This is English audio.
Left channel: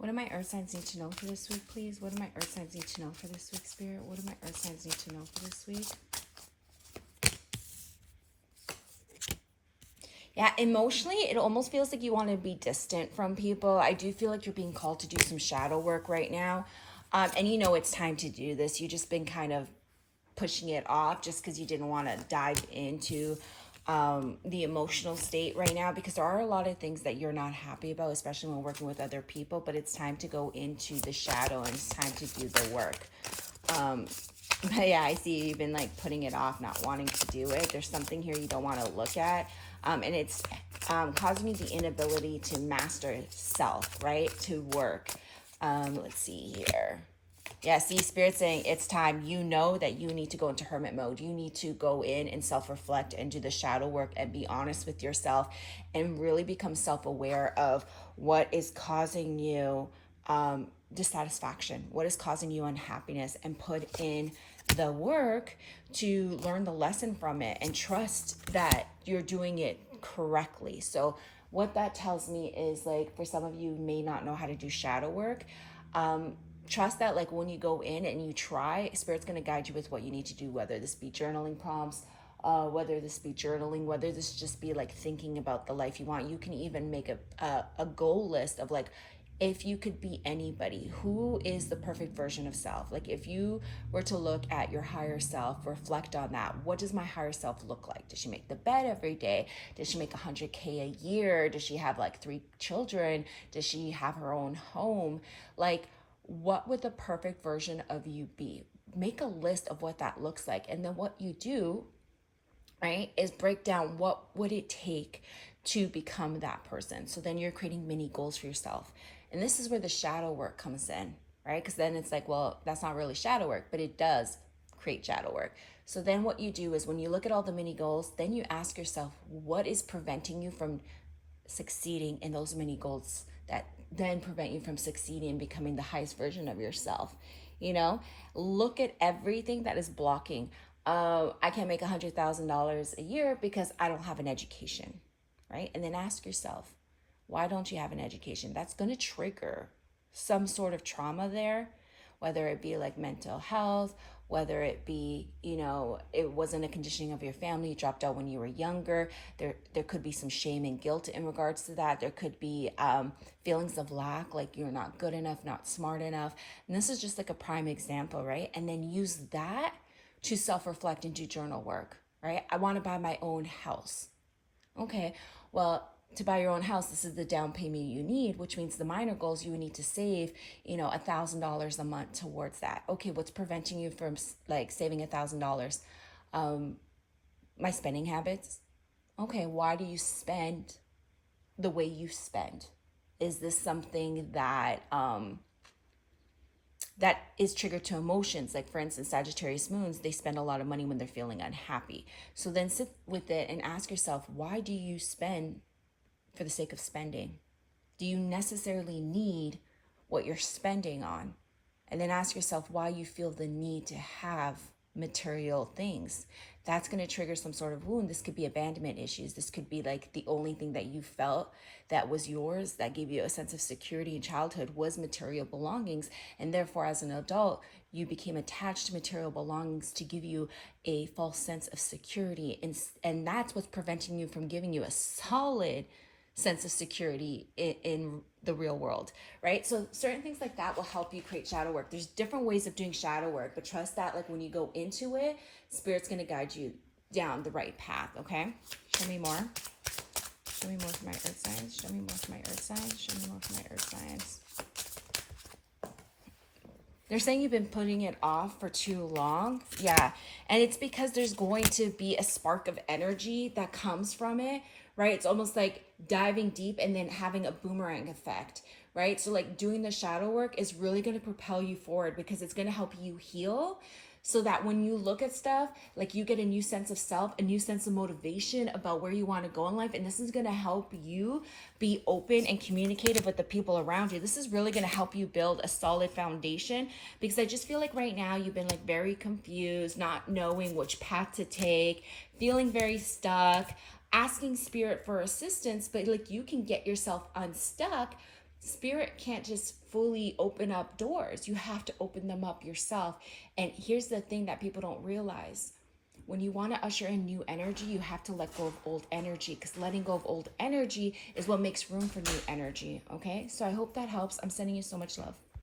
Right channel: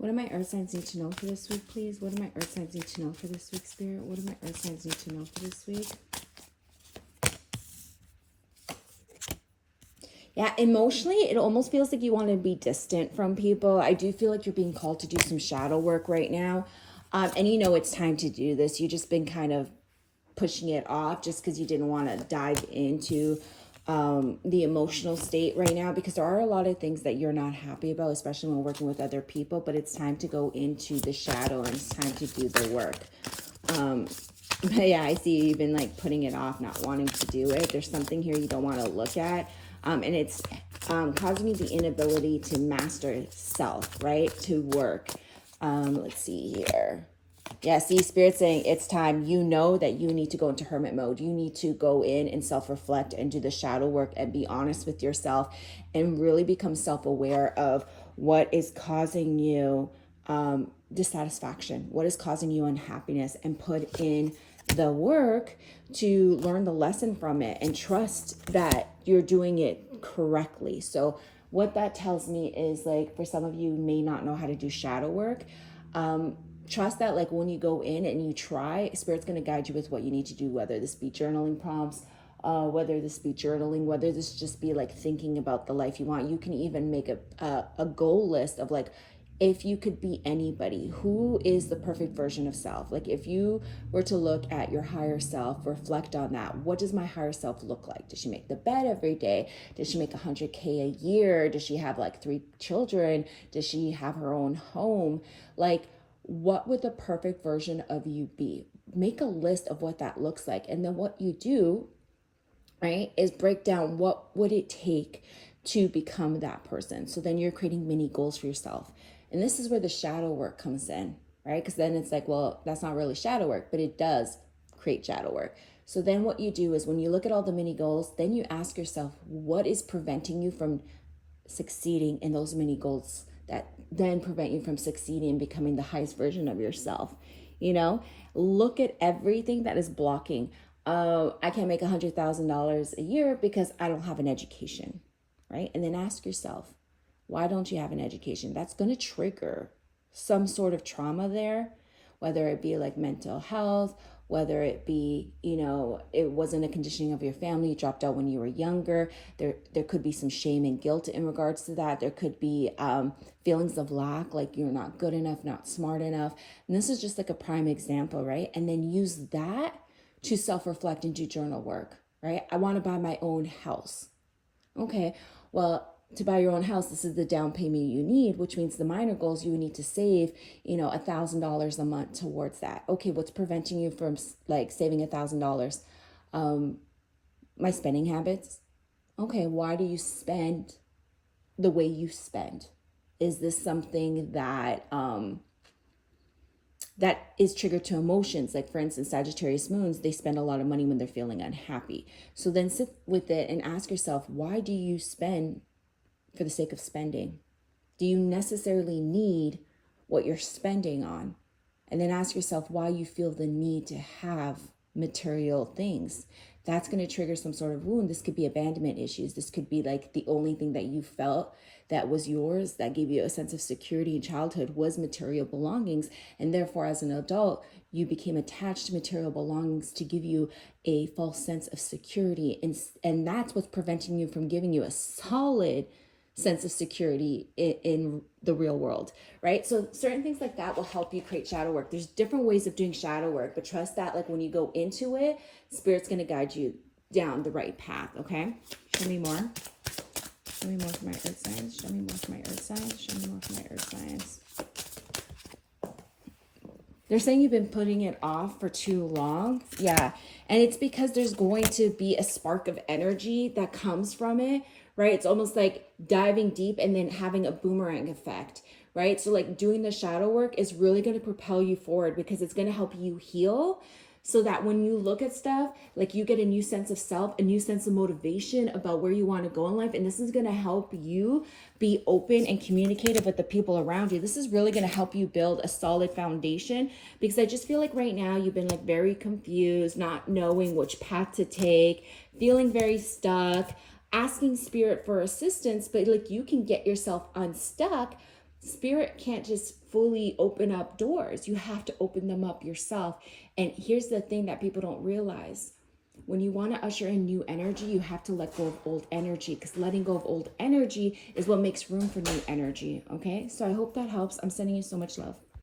What do my earth signs need to know for this week, please? What do my earth signs need to know for this week, Spirit? What do my earth signs need to know for this week? Yeah, emotionally, it almost feels like you want to be distant from people. I do feel like you're being called to do some shadow work right now. And you know it's time to do this. You've just been kind of pushing it off just because you didn't want to dive into the emotional state right now, because there are a lot of things that you're not happy about, especially when working with other people. But it's time to go into the shadow and it's time to do the work. But yeah, I see you've been like putting it off, not wanting to do it. There's something here you don't want to look at. And it's causing you the inability to master self, right? To work. Let's see here. Yeah, see, Spirit saying it's time. You know that you need to go into hermit mode. You need to go in and self-reflect and do the shadow work and be honest with yourself and really become self-aware of what is causing you dissatisfaction, what is causing you unhappiness, and put in the work to learn the lesson from it and trust that you're doing it correctly. So what that tells me is, like, for some of you may not know how to do shadow work. Trust that, like, when you go in and you try, Spirit's going to guide you with what you need to do, whether this be journaling prompts, whether this be journaling, whether this just be like thinking about the life you want. You can even make a goal list of, like, if you could be anybody, who is the perfect version of self? Like, if you were to look at your higher self, reflect on that. What does my higher self look like? Does she make the bed every day? Does she make 100K a year? Does she have like 3 children? Does she have her own home? Like, what would the perfect version of you be? Make a list of what that looks like. And then what you do, right, is break down what would it take to become that person. So then you're creating mini goals for yourself. And this is where the shadow work comes in, right? Because then it's like, well, that's not really shadow work, but it does create shadow work. So then what you do is, when you look at all the mini goals, then you ask yourself, what is preventing you from succeeding in those mini goals that then prevent you from succeeding and becoming the highest version of yourself? You know, look at everything that is blocking. I can't make $100,000 a year because I don't have an education, right? And then ask yourself, why don't you have an education? That's going to trigger some sort of trauma there, whether it be like mental health, whether it be, you know, it wasn't a conditioning of your family, you dropped out when you were younger. There could be some shame and guilt in regards to that. There could be feelings of lack, like you're not good enough, not smart enough. And this is just like a prime example, right? And then use that to self-reflect and do journal work, right? I want to buy my own house. Okay, well, to buy your own house, this is the down payment you need, which means the minor goals, you would need to save, you know, $1,000 a month towards that. Okay, what's preventing you from like saving $1,000? My spending habits. Okay, why do you spend the way you spend? Is this something that that is triggered to emotions? Like, for instance, Sagittarius moons, they spend a lot of money when they're feeling unhappy. So then sit with it and ask yourself, why do you spend for the sake of spending? Do you necessarily need what you're spending on? And then ask yourself why you feel the need to have material things. That's going to trigger some sort of wound. This could be abandonment issues. This could be like the only thing that you felt that was yours, that gave you a sense of security in childhood, was material belongings. And therefore, as an adult, you became attached to material belongings to give you a false sense of security. And that's what's preventing you from giving you a solid sense of security in the real world, right? So certain things like that will help you create shadow work. There's different ways of doing shadow work, but trust that, like, when you go into it, Spirit's going to guide you down the right path. Okay, show me more. Show me more for my earth signs. Show me more for my earth signs. Show me more for my earth signs. They're saying you've been putting it off for too long. Yeah. And it's because there's going to be a spark of energy that comes from it, right? It's almost like diving deep and then having a boomerang effect, right? So like doing the shadow work is really going to propel you forward, because it's going to help you heal, so that when you look at stuff, like, you get a new sense of self, a new sense of motivation about where you want to go in life. And this is going to help you be open and communicative with the people around you. This is really going to help you build a solid foundation, because I just feel like right now you've been like very confused, not knowing which path to take, feeling very stuck, asking Spirit for assistance, but like, you can get yourself unstuck Spirit can't just fully open up doors. You have to open them up yourself. And here's the thing that people don't realize. When you want to usher in new energy, you have to let go of old energy, because letting go of old energy is what makes room for new energy. Okay? So I hope that helps. I'm sending you so much love.